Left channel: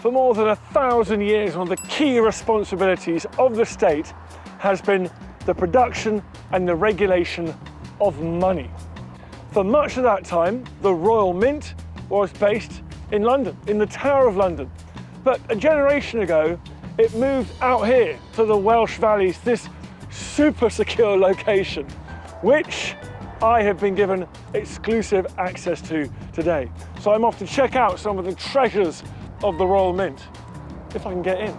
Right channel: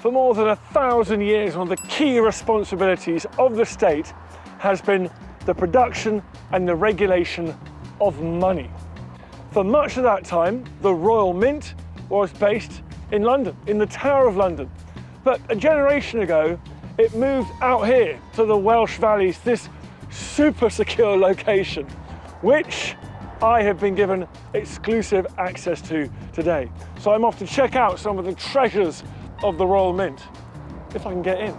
For more than 1,000 years, one of the key responsibilities of the state has been the production and the regulation of money. For much of that time, the Royal Mint was based in London, in the Tower of London. But a generation ago, it moved out here to the Welsh Valleys, this super secure location, which I have been given exclusive access to today. So I'm off to check out some of the treasures of the Royal Mint, if I can get in.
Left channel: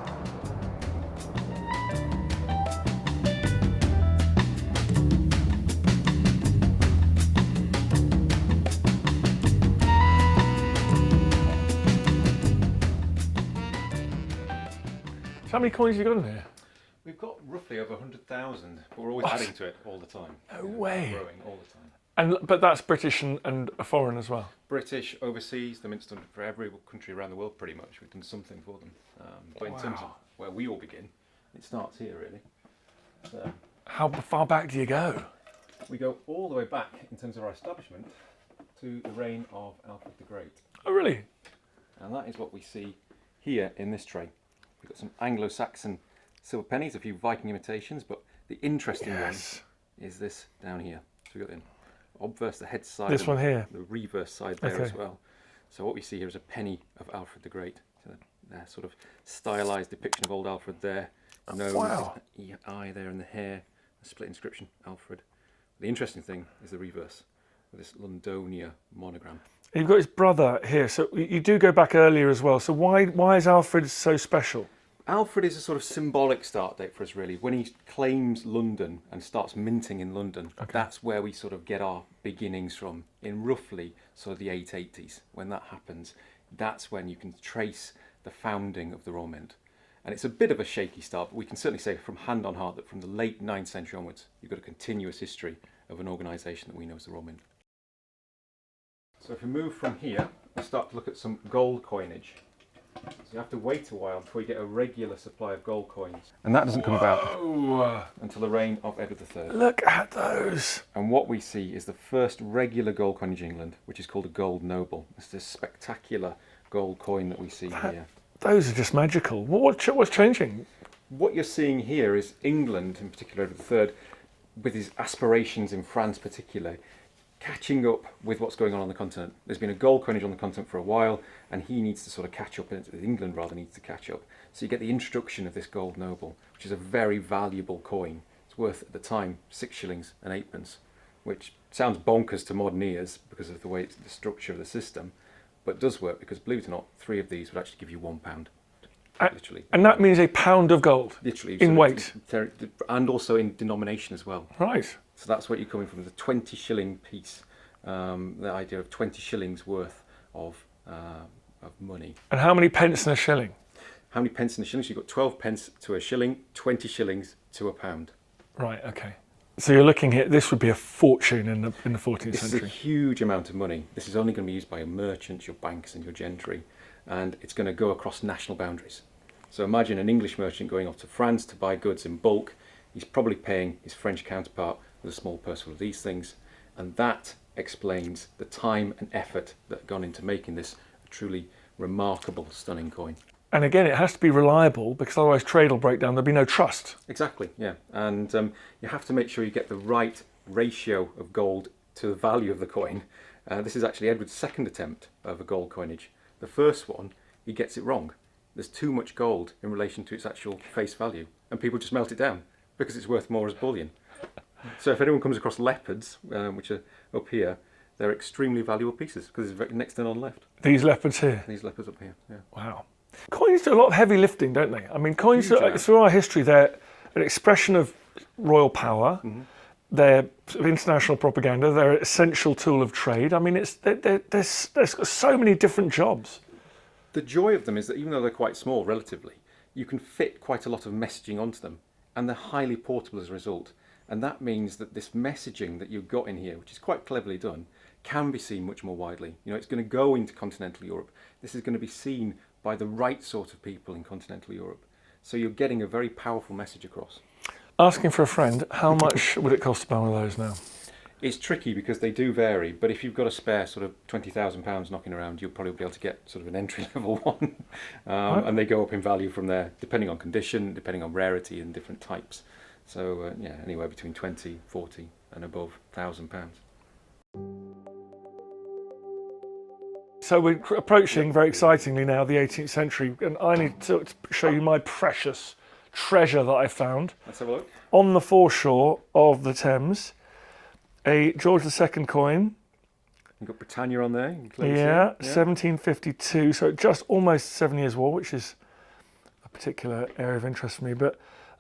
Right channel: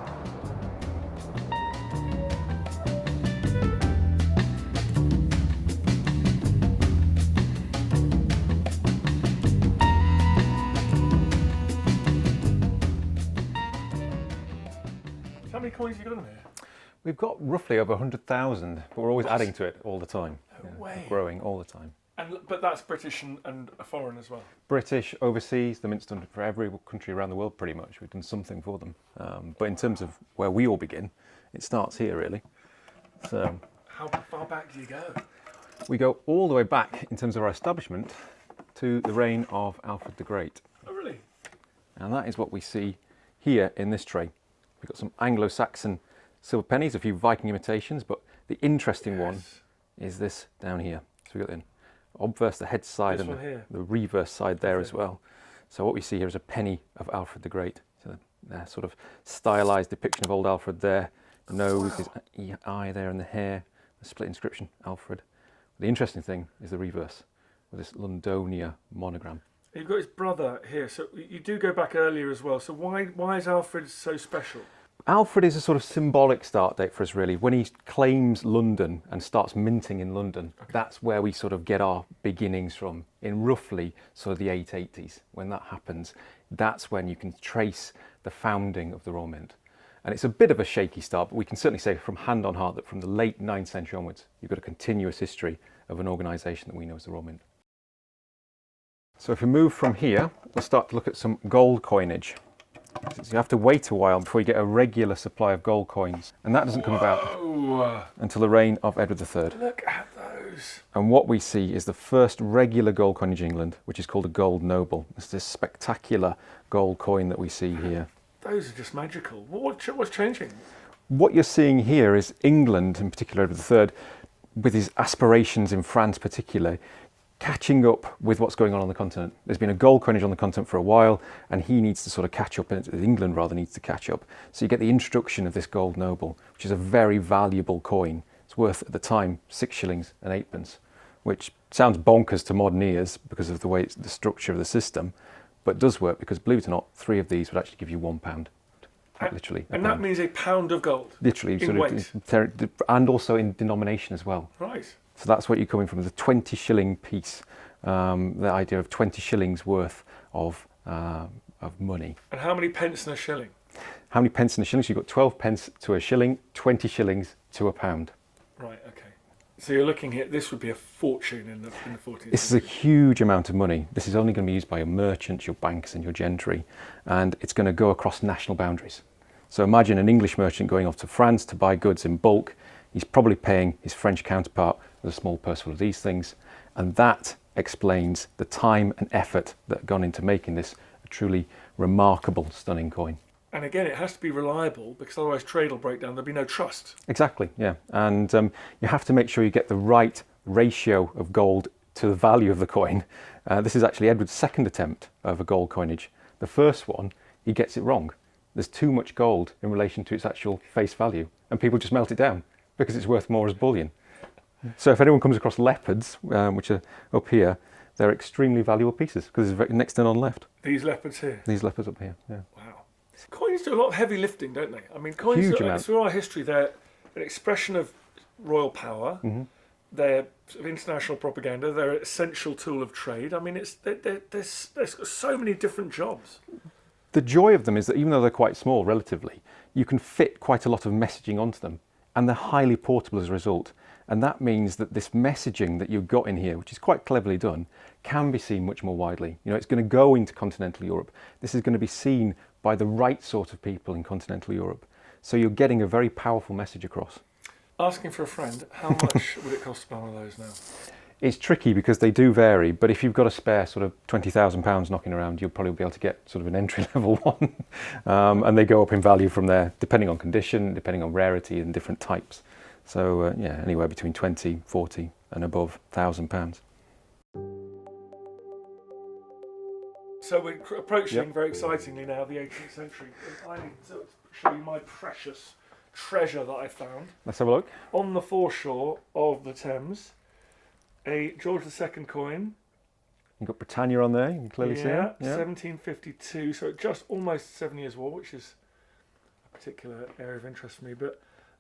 How many coins have you got in here? We've got roughly over 100,000, but we're always adding to it all the time. No way. Growing all the time. But that's British and foreign as well? British, overseas, the Mint's done it for every country around the world pretty much. We've done something for them. But in terms of where we all begin, it starts here really. So how far back do you go? We go all the way back in terms of our establishment to the reign of Alfred the Great. Oh really? And that is what we see here in this tray. We've got some Anglo-Saxon silver pennies, a few Viking imitations, but the interesting one is this down here. So we've got the obverse, the head side, this one here, the reverse side there as well. So what we see here is a penny of Alfred the Great. So the sort of stylized depiction of old Alfred there. Nose, his eye there, and the hair, the split inscription, Alfred. The interesting thing is the reverse, with this Londonia monogram. You've got his brother here, so you do go back earlier as well. So why is Alfred so special? Alfred is a sort of symbolic start date for us, really. When he claims London and starts minting in London, that's where we sort of get our beginnings from, in roughly sort of the 880s. When that happens, that's when you can trace the founding of the Royal Mint. And it's a bit of a shaky start, but we can certainly say from hand on heart that from the late 9th century onwards, you've got a continuous history of an organisation that we know as the Royal Mint. So if we move from here, we'll start to look at some gold coinage. So you have to wait a while before you get a regular supply of gold coins. And that doesn't come about until the reign of Edward III. Look at those. And what we see is the first regular gold coinage in England, which is called a gold noble. It's this spectacular gold coin that we see here. Those are just magical. What's changing? What you're seeing here is England, in particular Edward III, with his aspirations in France particularly, catching up with what's going on the continent. There's been a gold coinage on the continent for a while, and he needs to sort of catch up, and England rather needs to catch up. So you get the introduction of this gold noble, which is a very valuable coin. It's worth, at the time, 6 shillings and 8 pence, which sounds bonkers to modern ears because of the way it's the structure of the system, but does work because, believe it or not, 3 of these would actually give you £1. Literally. And that means a pound of gold? Literally. In weight? And also in denomination as well. Right. So that's what you're coming from, the 20 shilling piece, the idea of 20 shillings worth of money. And how many pence in a shilling? How many pence in a shilling? So you've got 12 pence to a shilling, 20 shillings to a pound. Right, okay. So you're looking here, this would be a fortune in the 14th century. This is a huge amount of money. This is only going to be used by your merchants, your banks and your gentry, and it's going to go across national boundaries. So imagine an English merchant going off to France to buy goods in bulk. He's probably paying his French counterpart with a small purse full of these things, and that explains the time and effort that gone into making this a truly remarkable, stunning coin. And again, it has to be reliable because otherwise trade will break down. There'll be no trust. Exactly, yeah. And you have to make sure you get the right ratio of gold to the value of the coin. This is actually Edward's second attempt of a gold coinage. The first one, he gets it wrong. There's too much gold in relation to its actual face value, and people just melt it down because it's worth more as bullion. So if anyone comes across leopards, which are up here, they're extremely valuable pieces because there's next to none left. These leopards here? These leopards up here, yeah. Wow. Coins do a lot of heavy lifting, don't they? I mean, coins, Huge through our history, they're an expression of royal power. They're sort of international propaganda. They're an essential tool of trade. I mean, there's so many different jobs. The joy of them is that even though they're quite small relatively, you can fit quite a lot of messaging onto them, and they're highly portable as a result. And that means that this messaging that you've got in here, which is quite cleverly done, can be seen much more widely. You know, it's going to go into continental Europe. This is going to be seen by the right sort of people in continental Europe. So you're getting a very powerful message across. Asking for a friend, how much would it cost to buy one of those now? It's tricky because they do vary, but if you've got a spare sort of £20,000 knocking around, you'll probably be able to get sort of an entry-level one. And they go up in value from there, depending on condition, depending on rarity and different types. So yeah, anywhere between 20, 40 and above £1,000. So we're approaching, very excitingly now, the 18th century, and I need to show you my precious treasure that I found. Let's have a look. On the foreshore of the Thames, a George II coin. You've got Britannia on there, you can clearly see it. 1752, so just almost 7 Years' War, which is a particular area of interest for me. But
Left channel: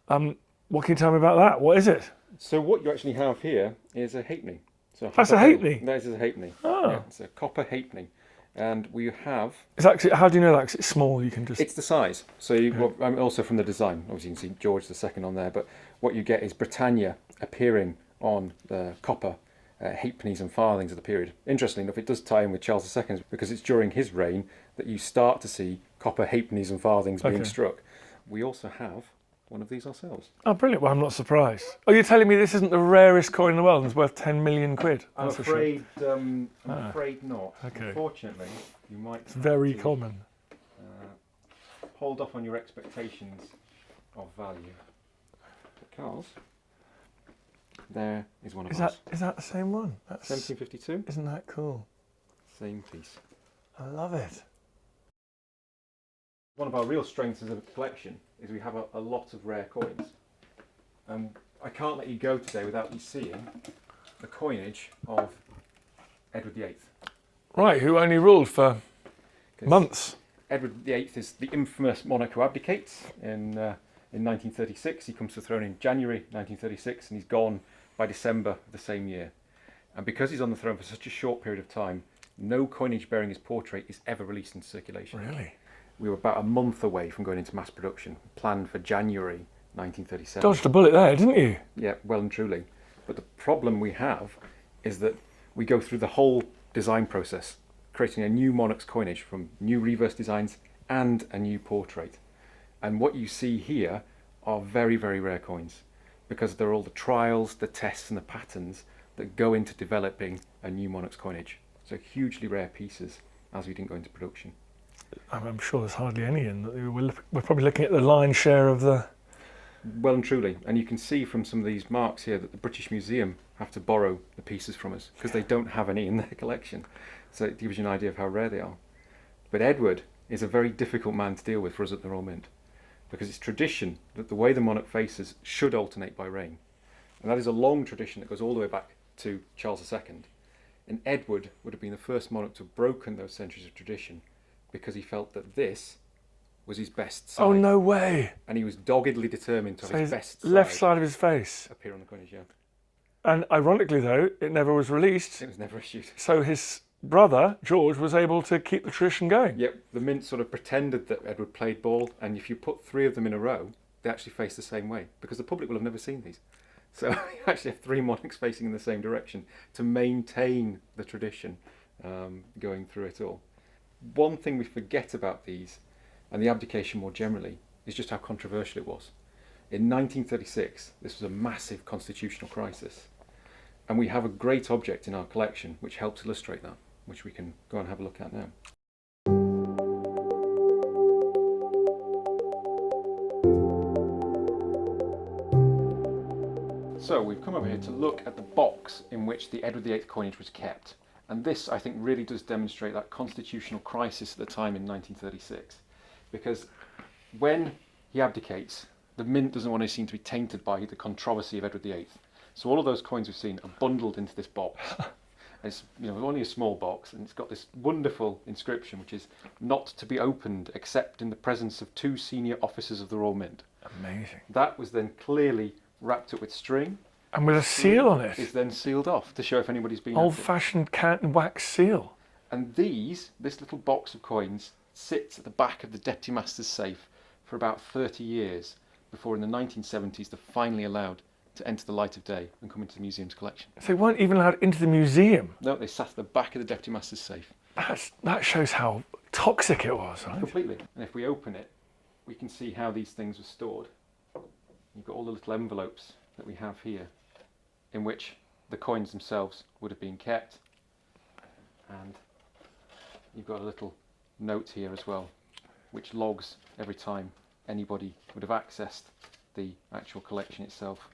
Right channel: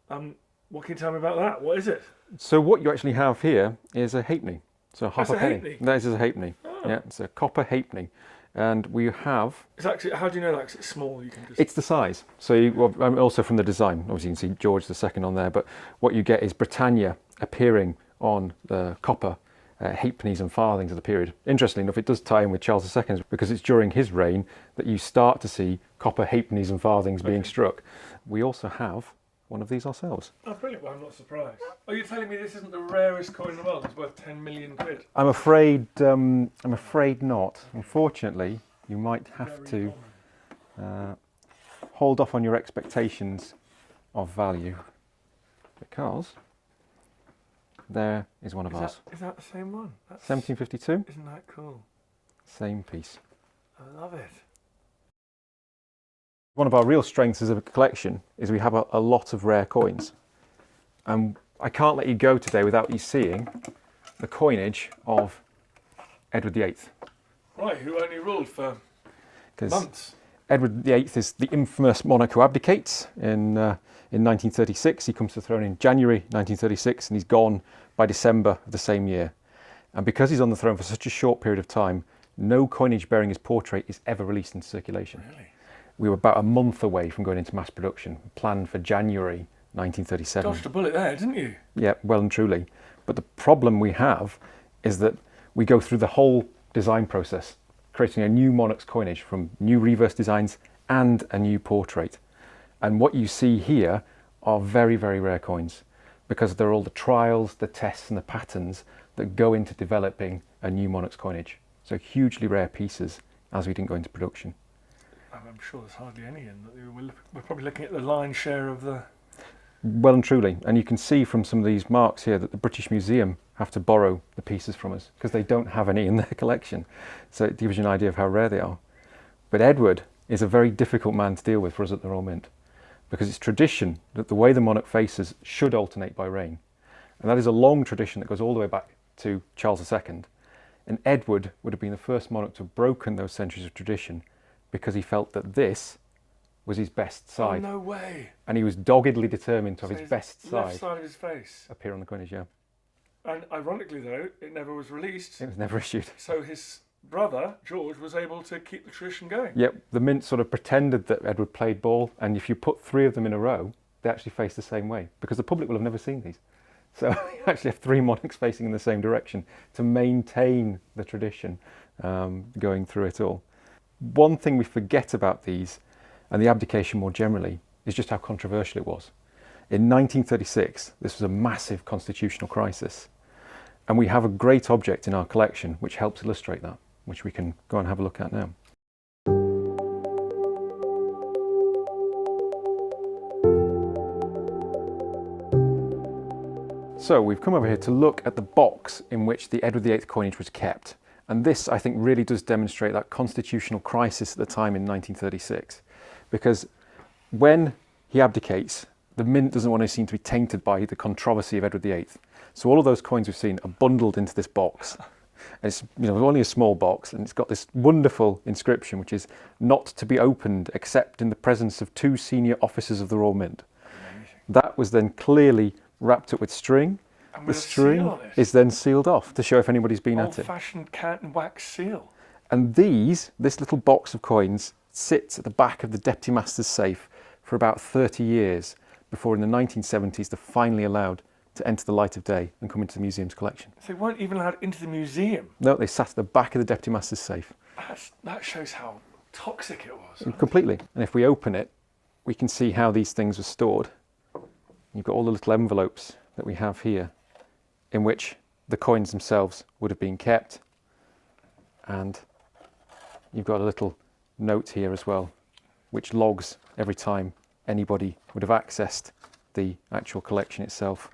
what can you tell me about that? What is it? So what you actually have here is a halfpenny. So That's a halfpenny? That is a halfpenny. Oh. Yeah, it's a copper halfpenny. And we have... It's actually, how do you know that? 'Cause it's small, you can just... It's the size. So also from the design, obviously you can see George II on there, but what you get is Britannia appearing on the copper halfpennies and farthings of the period. Interestingly enough, it does tie in with Charles II because it's during his reign that you start to see copper halfpennies and farthings being struck. We also have one of these ourselves. Oh, brilliant. Well, I'm not surprised. Oh, you're telling me this isn't the rarest coin in the world and it's worth 10 million quid? I'm afraid not. Okay. Unfortunately, you might have very to common. Hold off on your expectations of value because there is one of ours. Is that the same one? That's 1752. Isn't that cool? Same piece. I love it. One of our real strengths as a collection is we have a lot of rare coins. And I can't let you go today without you seeing the coinage of Edward VIII. Right, who only ruled for months. Edward VIII is the infamous monarch who abdicates in 1936. He comes to the throne in January 1936 and he's gone by December of the same year. And because he's on the throne for such a short period of time, no coinage bearing his portrait is ever released into circulation. Really? We were about a month away from going into mass production, planned for January 1937. Dodged a bullet there, didn't you? Yeah, well and truly. But the problem we have is that we go through the whole design process, creating a new monarch's coinage from new reverse designs and a new portrait. And what you see here are very, very rare coins because they're all the trials, the tests and the patterns that go into developing a new monarch's coinage. So hugely rare pieces as we didn't go into production. I'm sure there's hardly any in. We're probably looking at the lion's share of the... Well and truly. And you can see from some of these marks here that the British Museum have to borrow the pieces from us because they don't have any in their collection. So it gives you an idea of how rare they are. But Edward is a very difficult man to deal with for us at the Royal Mint because it's tradition that the way the monarch faces should alternate by reign. And that is a long tradition that goes all the way back to Charles II. And Edward would have been the first monarch to have broken those centuries of tradition because he felt that this was his best side. Oh, no way. And he was doggedly determined to have his best side left side of his face appear on the coinage, yeah. And ironically, though, it never was released. It was never issued. So his brother, George, was able to keep the tradition going. Yep, the Mint sort of pretended that Edward played ball, and if you put three of them in a row, they actually face the same way, because the public will have never seen these. So you actually have three monarchs facing in the same direction to maintain the tradition going through it all. One thing we forget about these, and the abdication more generally, is just how controversial it was. In 1936, this was a massive constitutional crisis, and we have a great object in our collection which helps illustrate that, which we can go and have a look at now. So we've come over here to look at the box in which the Edward VIII coinage was kept. And this, I think, really does demonstrate that constitutional crisis at the time in 1936. Because when he abdicates, the Mint doesn't want to seem to be tainted by the controversy of Edward VIII. So all of those coins we've seen are bundled into this box. And it's only a small box, and it's got this wonderful inscription, which is not to be opened except in the presence of 2 senior officers of the Royal Mint. Amazing. That was then clearly wrapped up with string. And with a seal on it. Is then sealed off to show if anybody's been at it. Old-fashioned cat and wax seal. And this little box of coins sits at the back of the Deputy Master's safe for about 30 years before in the 1970s they're finally allowed to enter the light of day and come into the museum's collection. So they weren't even allowed into the museum? No, they sat at the back of the Deputy Master's safe. That shows how toxic it was. Right? Completely. And if we open it, we can see how these things were stored. You've got all the little envelopes that we have here, in which the coins themselves would have been kept. And you've got a little note here as well, which logs every time anybody would have accessed the actual collection itself.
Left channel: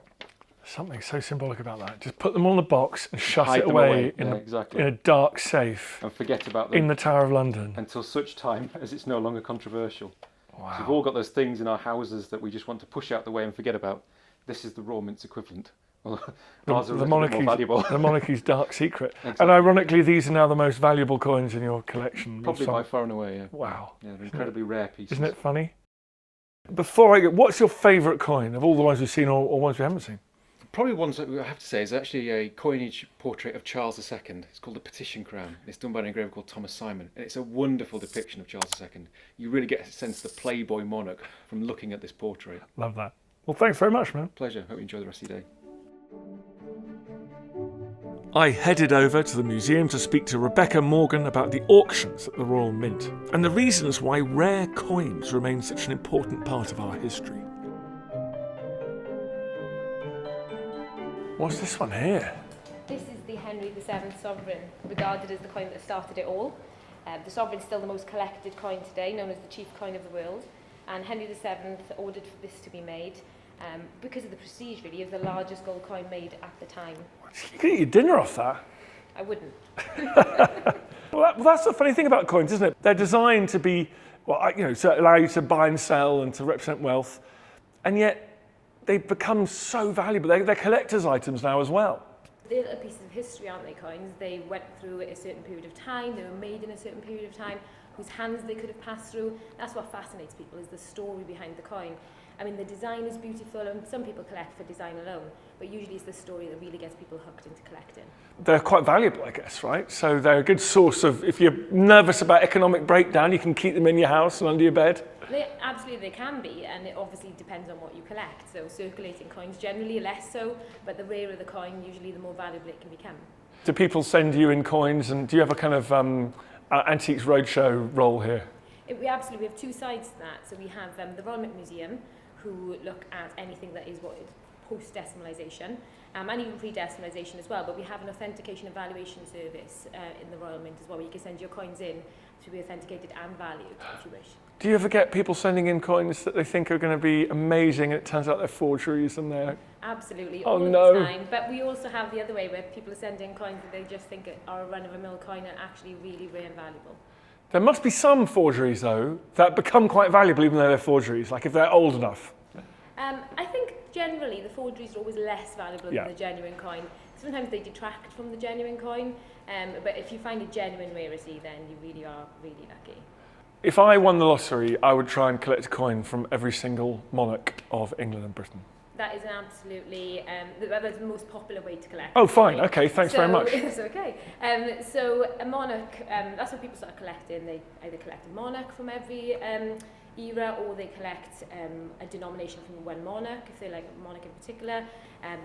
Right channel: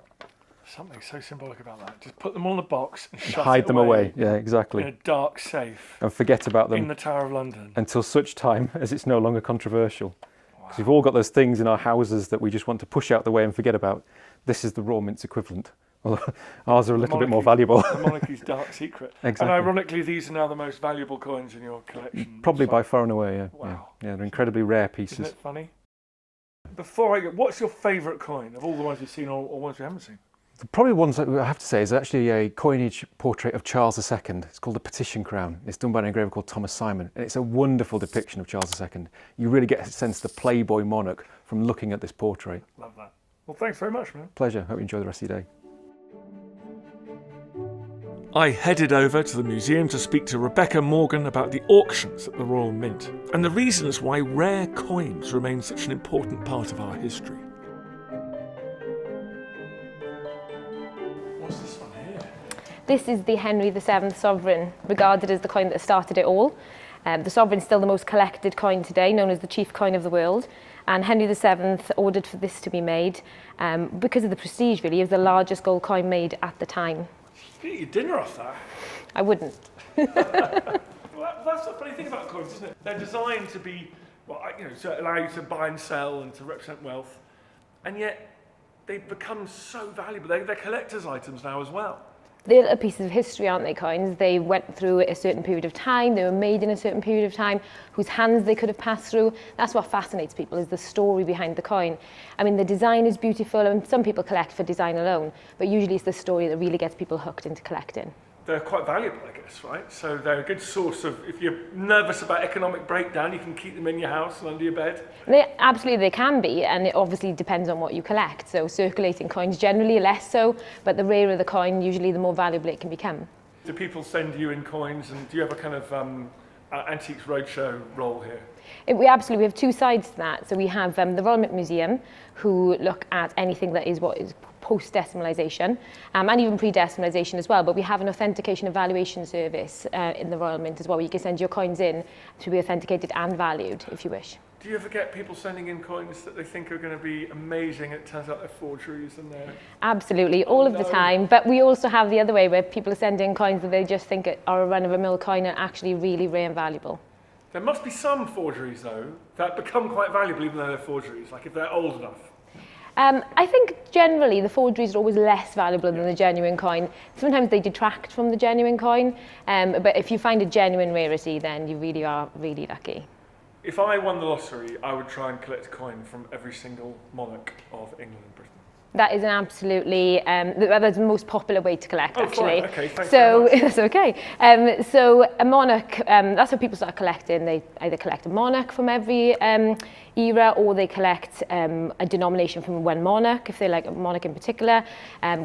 Something so symbolic about that. Just put them all in a box and Hide them away. Yeah, exactly. In a dark safe. And forget about them in the Tower of London. Until such time as it's no longer controversial. Wow. So we've all got those things in our houses that we just want to push out the way and forget about. This is the raw mint's equivalent. Well, ours are a little bit more valuable. The monarchy's dark secret. Exactly. And ironically, these are now the most valuable coins in your collection. Probably by far and away, yeah. Wow. Yeah, they're incredibly rare pieces. Isn't it funny? Before I go, what's your favourite coin of all the ones we've seen or ones we haven't seen? Probably ones that I have to say is actually a coinage portrait of Charles II. It's called the Petition Crown. It's done by an engraver called Thomas Simon, and it's a wonderful depiction of Charles II. You really get a sense of the playboy monarch from looking at this portrait. Love that. Well, thanks very much, man. Pleasure. Hope you enjoy the rest of your day. I headed over to the museum to speak to Rebecca Morgan about the auctions at the Royal Mint and the reasons why rare coins remain such an important part of our history. What's this one here? This is the Henry VII Sovereign, regarded as the coin that started it all. The Sovereign's still the most collected coin today, known as the chief coin of the world. And Henry VII ordered for this to be made because of the prestige, really. It was the largest gold coin made at the time. You could eat your dinner off that. I wouldn't. Well, that's the funny thing about coins, isn't it? They're designed to be, to allow you to buy and sell and to represent wealth. And yet, they've become so valuable. They're collector's items now as well. They're a piece of history, aren't they, coins? They went through a certain period of time, they were made in a certain period of time, whose hands they could have passed through. That's what fascinates people, is the story behind the coin. I mean, the design is beautiful, and some people collect for design alone, but usually it's the story that really gets people hooked into collecting. They're quite valuable, I guess, right? So they're a good source of, if you're nervous about economic breakdown, you can keep them in your house and under your bed. Absolutely, they can be, and it obviously depends on what you collect. So circulating coins generally less so, but the rarer the coin, usually the more valuable it can become. Do people send you in coins, and do you have a kind of Antiques Roadshow role here? We have two sides to that. So we have the Royal Mint Museum, who look at anything that is what is post-decimalisation, and even pre-decimalisation as well, but we have an authentication evaluation service in the Royal Mint as well, where you can send your coins in to be authenticated and valued, if you wish. Do you ever get people sending in coins that they think are going to be amazing, and it turns out they're forgeries and they're... Absolutely, all of the time, but we also have the other way, where people are sending coins that they just think are a run-of-the-mill coin and actually really rare and valuable. There must be some forgeries, though, that become quite valuable even though they're forgeries, like if they're old enough. I think generally the forgeries are always less valuable than the genuine coin. Sometimes they detract from the genuine coin, but if you find a genuine rarity, then you really are really lucky. If I won the lottery, I would try and collect a coin from every single monarch of England and Britain. That is an absolutely, that's the most popular way to collect, Oh, actually. fine, okay, thanks very much. That's okay. So a monarch, that's how people start collecting. They either collect a monarch from every era, or they collect a denomination from one monarch, if they like a monarch in particular.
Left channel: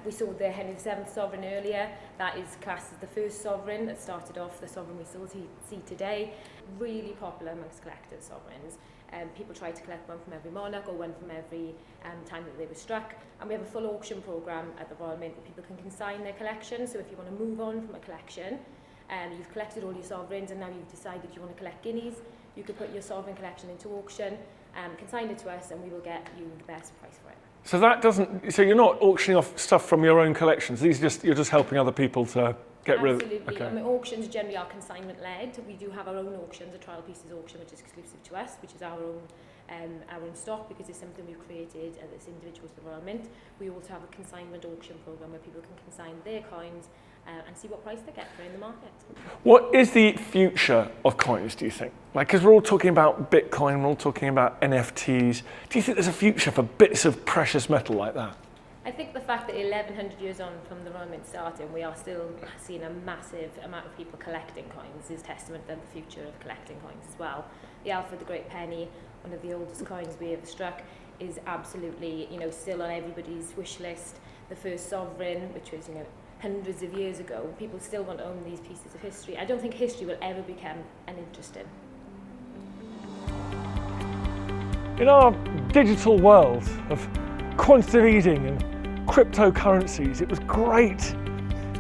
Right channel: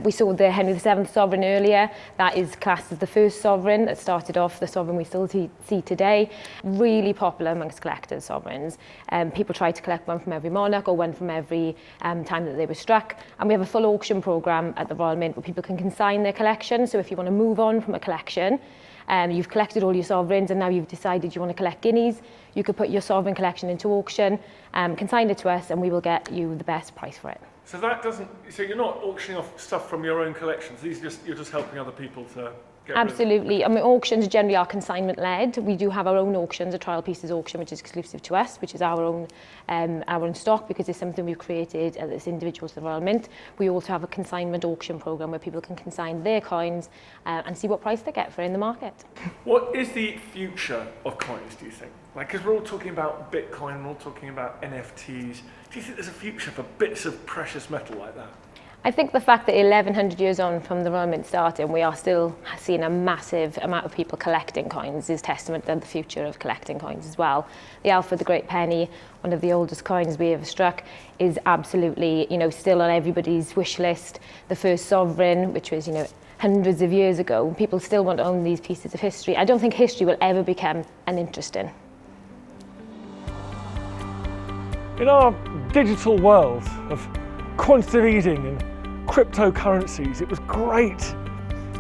We saw the Henry VII Sovereign earlier. That is classed as the first sovereign that started off the sovereign we still see today. Really popular amongst collectors, sovereigns. People try to collect one from every monarch or one from every time that they were struck. And we have a full auction programme at the Royal Mint where people can consign their collection. So if you want to move on from a collection, you've collected all your sovereigns and now you've decided you want to collect guineas, you could put your sovereign collection into auction, consign it to us, and we will get you the best price for it. So that doesn't, so you're not auctioning off stuff from your own collections. These are just, you're just helping other people to get rid of. Absolutely. Okay. I mean, auctions generally are consignment led. We do have our own auctions, a trial pieces auction, which is exclusive to us, which is our own stock, because it's something we've created as individuals at the Royal Mint. We also have a consignment auction program where people can consign their coins and see what price they get for in the market. What is the future of coins, do you think? Like, because we're all talking about Bitcoin, we're all talking about NFTs. Do you think there's a future for bits of precious metal like that? I think the fact that 1100 years on from the Royal Mint starting, we are still seeing a massive amount of people collecting coins is testament to the future of collecting coins as well. The Alfred the Great penny, one of the oldest coins we ever struck, is absolutely, still on everybody's wish list. The first sovereign, which was, hundreds of years ago, people still want to own these pieces of history. I don't think history will ever become uninteresting. In our digital world of quantitative easing and cryptocurrencies, it was great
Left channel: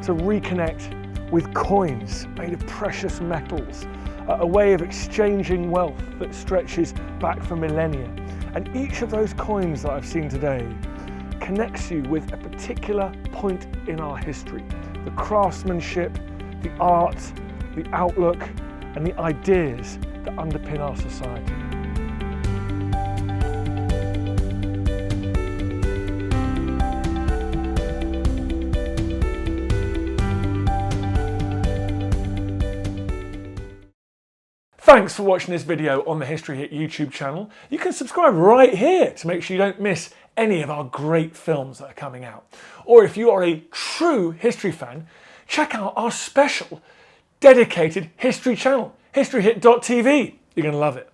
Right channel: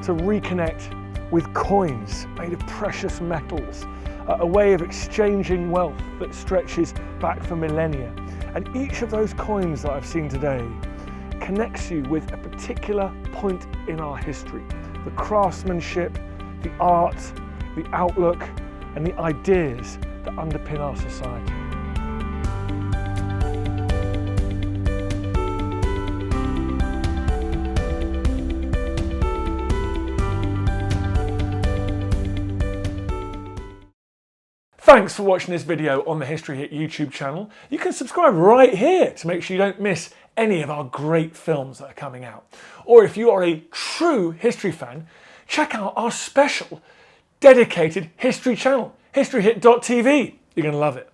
to reconnect with coins made of precious metals, a way of exchanging wealth that stretches back for millennia. And each of those coins that I've seen today connects you with a particular point in our history. The craftsmanship, the art, the outlook, and the ideas that underpin our society. Thanks for watching this video on the History Hit YouTube channel. You can subscribe right here to make sure you don't miss any of our great films that are coming out. Or if you are a true history fan, check out our special dedicated history channel, historyhit.tv. You're going to love it.